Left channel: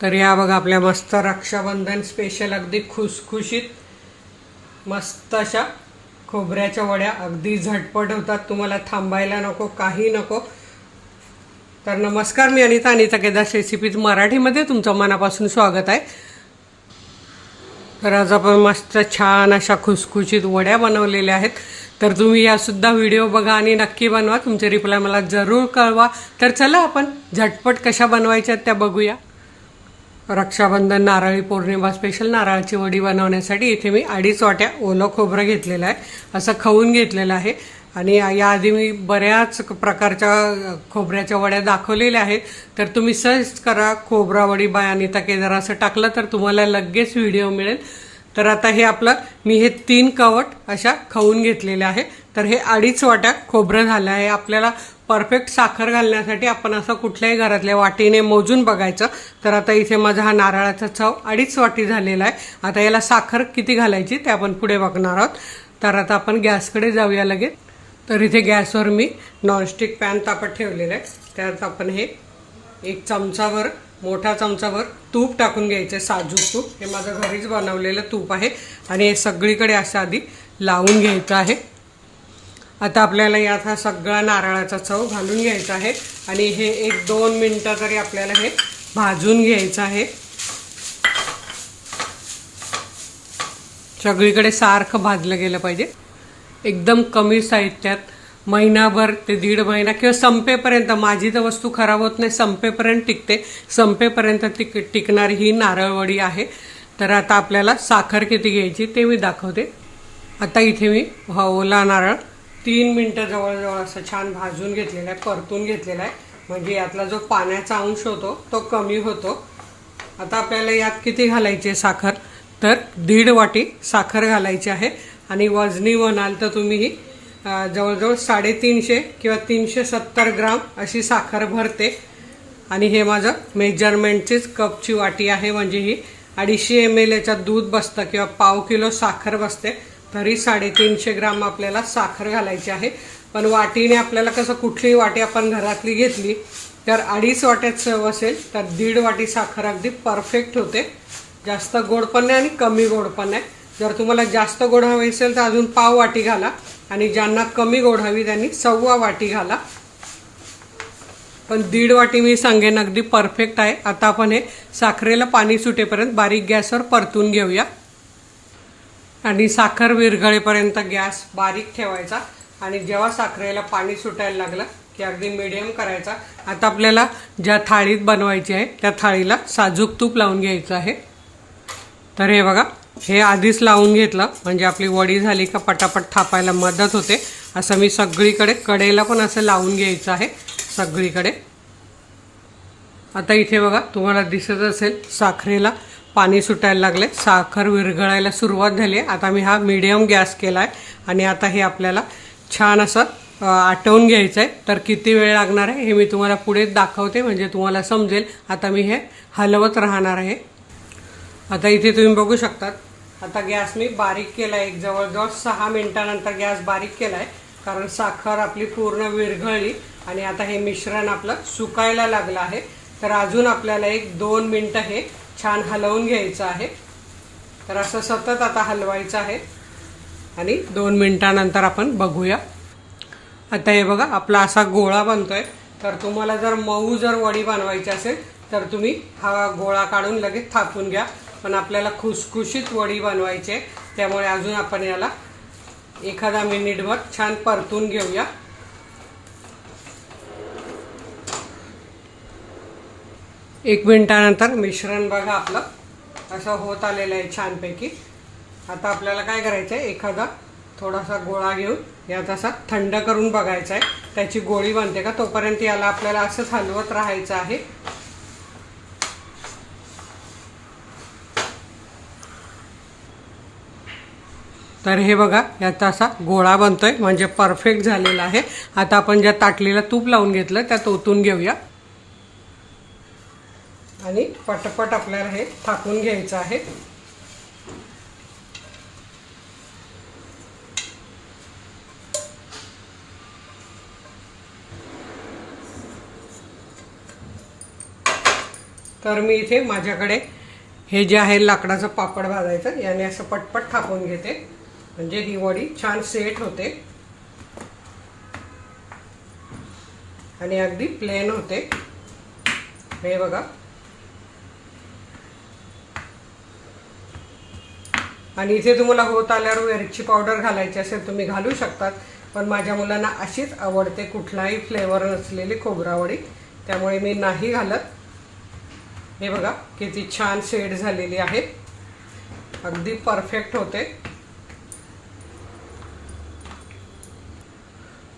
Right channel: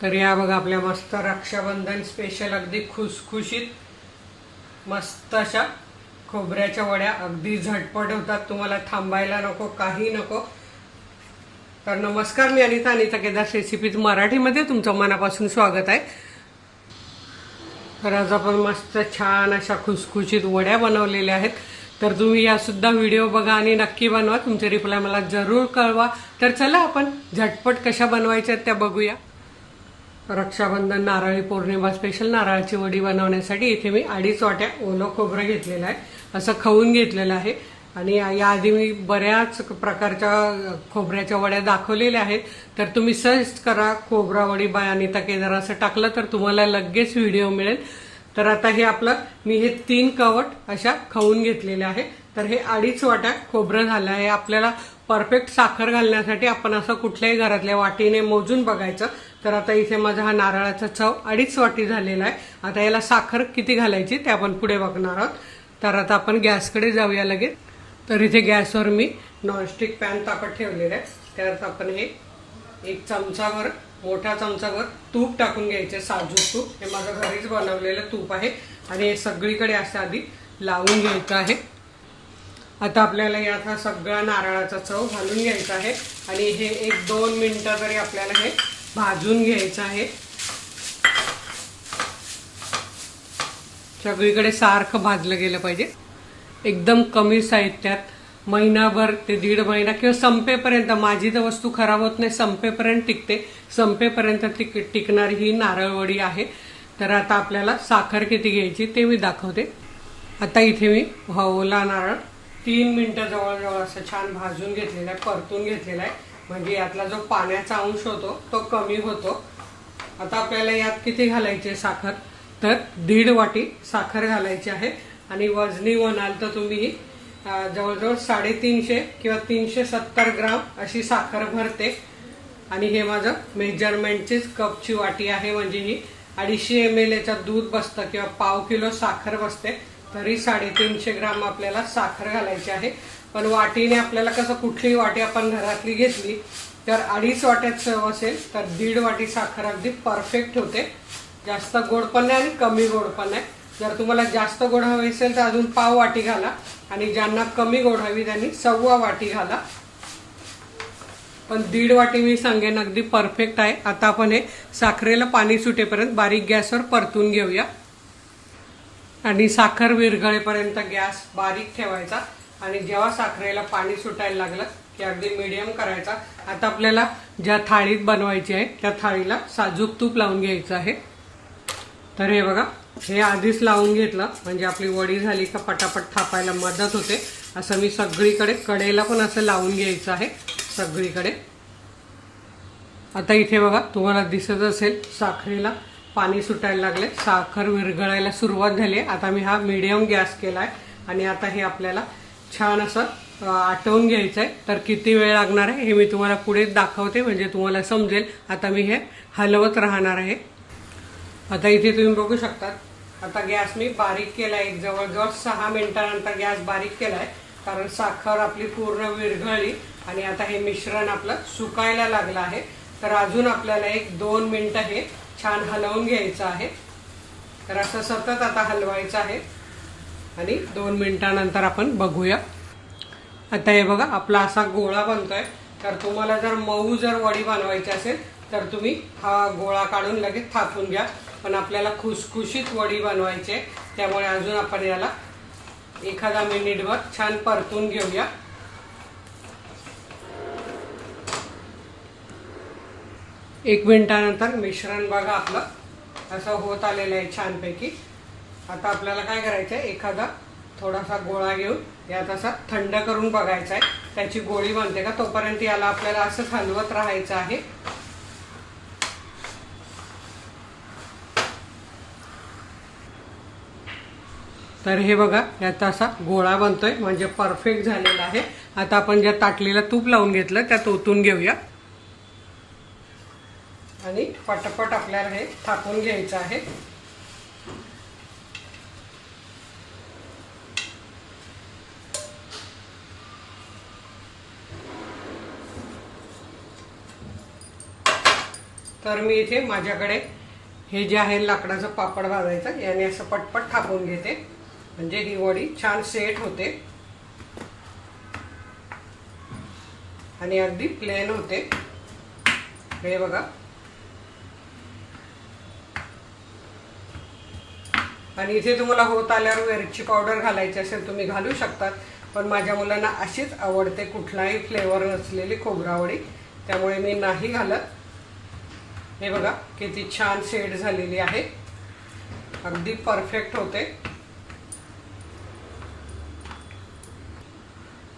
तर या बघा आपल्या मस्त रक्षाबंधन स्पेशल अगदी खुसखुशीत मस्त अशा खोबऱ्याच्या वड्या अगदी झटपट होतात. तुम्हाला थांबायला नको, काही नको. तर नमस्कार, मी अनिता केदार रेसिपीज मराठीमध्ये तुमचं मनापासून स्वागत आहे. तर आज आपण मस्त छान अशा खुसखुशीत वड्या बनवलेल्या आहेत. तर तुम्ही यासुद्धा व्हिडिओ बघा आणि नक्की बनवा. तुमचे रिप्लाय मला जरूर कळवा. तर चला आपण झटपट कशा बनवायच्या त्या बघूया. रक्षाबंधन नारळी पौर्णिमा स्पेशल नारळाची वडी बनवण्यासाठी इथे मी 2.5 वाट्या ओलं खोबरं घेतलेलं आहे. असं खवून घेतलेलं आहे. आणि याआधी मी बऱ्याच प्रकारच्या खोबऱ्याच्या वड्या दाखवलेल्या आहेत. तर तुम्ही सर्च करा खोबरा वडी बाय अनिता केदार असं टाकलं तर तुम्हाला लगेच व्हिडिओ मिळेल. तर आता हे आपलं मी हे 3 कवट अशा खवून घेतलेल्या आहे. तर हे 2.5 वाट्या खोबरं झालं आहे. आपल्याला परफेक्ट साखर घालण्यासाठी आपण असं कुठल्याही घरातल्या वाटीने मोजून बघायचं. तर आता इथे माझा हा नारळाचा चव 2.5 वाटी झालेला आहे. आता याला साखर किती घालायची ते आपण पुढे बघणार आहोत. तर आता आपण गॅसकडे जाऊया लगेच. तर इथे गॅसवर मी नॉनस्टिक पॅन तापत ठेवलेलं आहे. त्यात आपण हे 1 चमचाभर मोठा चमचाभर तूप टाकून घ्यायचं. साजूक तूप, हे माझं घरीच बनवलेलं तूप आहे. आणि हे सगळीकडे असं आधी लावून घ्यायचं आहे. आता आपल्याला यात हा सगळा नारळाचा चव घालून घ्यायचा आहे. आणि हे 1-2 मिनिटं तरी आपल्याला हे भाजून घ्यायचं आहे. सगळीकडे सारखं भाजलं गेलं पाहिजे. एकदम कमी साहित्यात महिनाभर ते 1.5 महिना किंवा संपेपर्यंत, माझी तर वस्तू खराब होत नाही, संपेपर्यंत टिकते. संपेपर्यंत टिकणारी ही नारळवडी आहे. तर आता आपल्याला साखर किती घ्यायची ते मी दाखवते. आता इथे मी हा ओला नारळ 3 मिनिटं जवळजवळ असं छान भाजून घेतलेला आहे, परतून घेतलेला आहे. म्हणजे यातला जो पाण्याचा अंश होतो तो कमी होतो. आता आपल्याला यात किती घालायची साखर, तर 1.5 वाटी साखर घालायची आहे. आणि वजनी म्हणाल तर तुम्ही जवळजवळ 350 किंवा 370 ग्राम अशी साखर भरते. आणि हे माझं मेजरमेंटचीच कपची वाटी आहे. म्हणजे ही 250 ml याच्यात दूध बसतं किंवा पाव किलो साखर बसते. तरी 350 ग्राम आपल्याला साखर घालायची आहे. पण वाटीने आपल्याला कसं, कुठलीही वाटी आपण घरातली घेतली तर 2.5 वाट्यात चव असेल तर 1.5 वाटी साखर अगदी परफेक्ट होते. जास्त गोड पण नाही आणि कमी गोड पण नाही. जर तुम्हाला जास्त गोड हवी असेल तर अजून पाव वाटी घाला. आणि ज्यांना कमी गोड हवी त्यांनी 1.25 वाटी घाला. पण 1.5 वाटी मी सांगेन अगदी परफेक्ट आहे. आता आपण हे साखरेला पाणी सुटेपर्यंत बारीक गॅसवर परतून घेऊया. आणि साखर विरघळेपर्यंत गॅस बारीक ठेवायचा. आणि जेव्हा साखरेला पाणी सुटायला लागलं की अगदी मीडियम करायचा. आता आपल्याला ज्या थाळीत बनवायची आहे त्या थाळीला साजूक तूप लावून घ्यायचं आहे. तर हे बघा, हे आधीच लावून घेतलं म्हणजे आपली वडी झाली का पटापट थापायला मदत होते. असं मी सगळीकडे कडेला पण असं लावून घ्यायचं आहे सगळीकडे. आता इथे बघा, तुम्हाला दिसत असेल साखरेला पाणी सुटायला लागले, साखर विरघळायला सुरुवात झाली आहे. आता मी हा मीडियम गॅस केला आहे. आणि आता हे आपल्याला छान असं आटवून घ्यायचं आहे. तर किती वेळ लागणार आहे हे मी तुम्हाला पुढे दाखवते म्हणजे तुम्हाला समजेल. आता मी हे हलवत राहणार आहे. आता इथे तुम्ही बघू शकतात, आता गॅस मी बारीक केला आहे. जवळजवळ 6 मिनिटानंतर गॅस बारीक केला आहे. कारण साखर आपली पूर्ण विरघळली आणि आता हे मिश्रण आपलं सुकायला लागलं आहे. तर अजून आपल्याला 1-2 मिनिटं हे छान हलवून घ्यायचं आहे. तर असं सतत आता हलवायचं आहे. आणि 2 मिनिटानंतर आपण बघूया. आता हे बघा, आपला असा गोळा बनतोय. तर तुम्हाला जर मऊ वडी बनवायची असेल तर तुम्ही हा गोळा काढून लगेच थापून घ्या. पण आपल्याला खुसखुशीत वडी बनवायची आहे त्यामुळे अजून आपण याला एखादा मिनिटभर छान परतून घेऊया. एक मिनिटानंतर मिश्रण बघा आपलं असं होत आलेलं आहे छानपैकी. आता आपल्याला काय करायचं आहे, एखादा थोडासा गोळा घेऊन यात असा थंड करून बघायचा आहे त्याची गोळी बनते का. तोपर्यंत याला आपल्याला असंच हलवत राहायचं आहे. तर हे बघा, याचा असा गोळा बनतोय म्हणजे परफेक्ट झालेला आहे. आता आपण ज्या ताटलीला तूप लावून घेतलं त्यात ओतून घेऊया. आणि पटपट आपल्याला हे थापून घ्यायचं आहे. तर मी इथे माझ्याकडे हे जे आहे लाकडाचं पापड भाजायचं याने असं पटपट थापून घेते, म्हणजे ही वडी छान सेट होते आणि अगदी प्लेन होते। हे बघा, आणि इथे तुम्हाला होत आल्यावर वेलची पावडर घालायची असेल तुम्ही घालू शकतात, पण माझ्या मुलांना अशीच आवडते, कुठलाही फ्लेवर नसलेली खोबरावडी, त्यामुळे मी नाही घालत। हे बघा किती छान सेट झालेली आहे, अगदी परफेक्ट होते।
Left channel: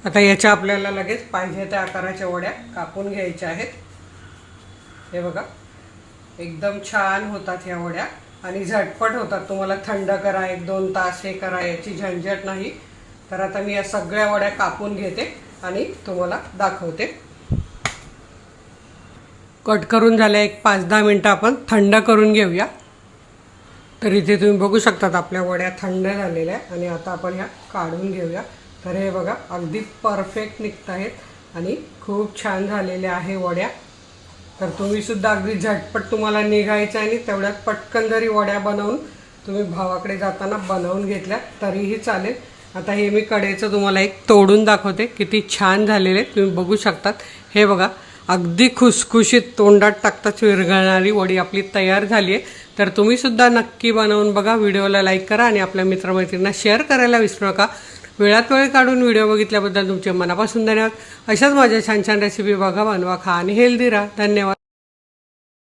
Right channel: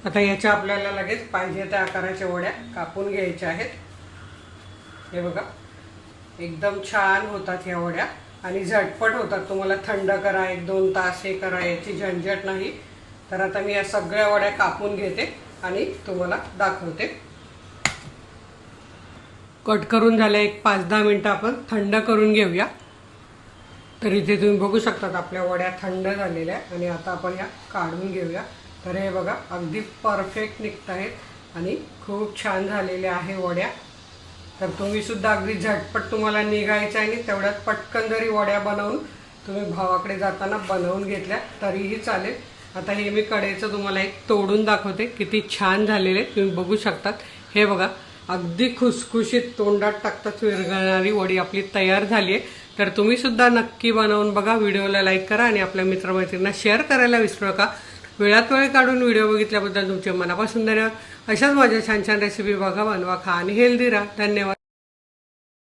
आता याच्या आपल्याला लगेच पाहिजे त्या आकाराच्या वड्या कापून घ्यायच्या आहेत। हे बघा एकदम छान होतात ह्या वड्या आणि झटपट होतात, तुम्हाला थंड करा 1-2 तास हे करा याची झंझट नाही। तर आता मी या सगळ्या वड्या कापून घेते आणि तुम्हाला दाखवते। कट करून झाल्या, एक 5-10 मिनिटं आपण थंड करून घेऊया। तर इथे तुम्ही बघू शकतात आपल्या वड्या थंड झालेल्या आणि आता आपण ह्या काढून घेऊया। तर हे बघा अगदी परफेक्ट निघत आहेत आणि खूप छान झालेल्या आहे वड्या। तर तुम्ही सुद्धा अगदी झटपट तुम्हाला निघायचं आणि तेवढ्यात पटकन जरी वड्या बनवून तुम्ही भावाकडे जाताना बनवून घेतल्या तरीही चालेल। आता हे मी कढईचं तुम्हाला एक तोडून दाखवते, किती छान झालेले तुम्ही बघू शकतात। हे बघा अगदी खुसखुशीत तोंडात टाकताच विरघळणारी वडी आपली तयार झाली आहे। तर तुम्ही सुद्धा नक्की बनवून बघा, व्हिडिओला लाईक करा आणि आपल्या मित्रमैत्रिणींना शेअर करायला विसरू नका। वेळात वेळ काढून व्हिडिओ बघितल्याबद्दल तुमचे मनापासून धन्यवाद। अशाच माझ्या छान छान रेसिपी बघा, बनवा, खा आणि हेल्दी राहा। धन्यवाद।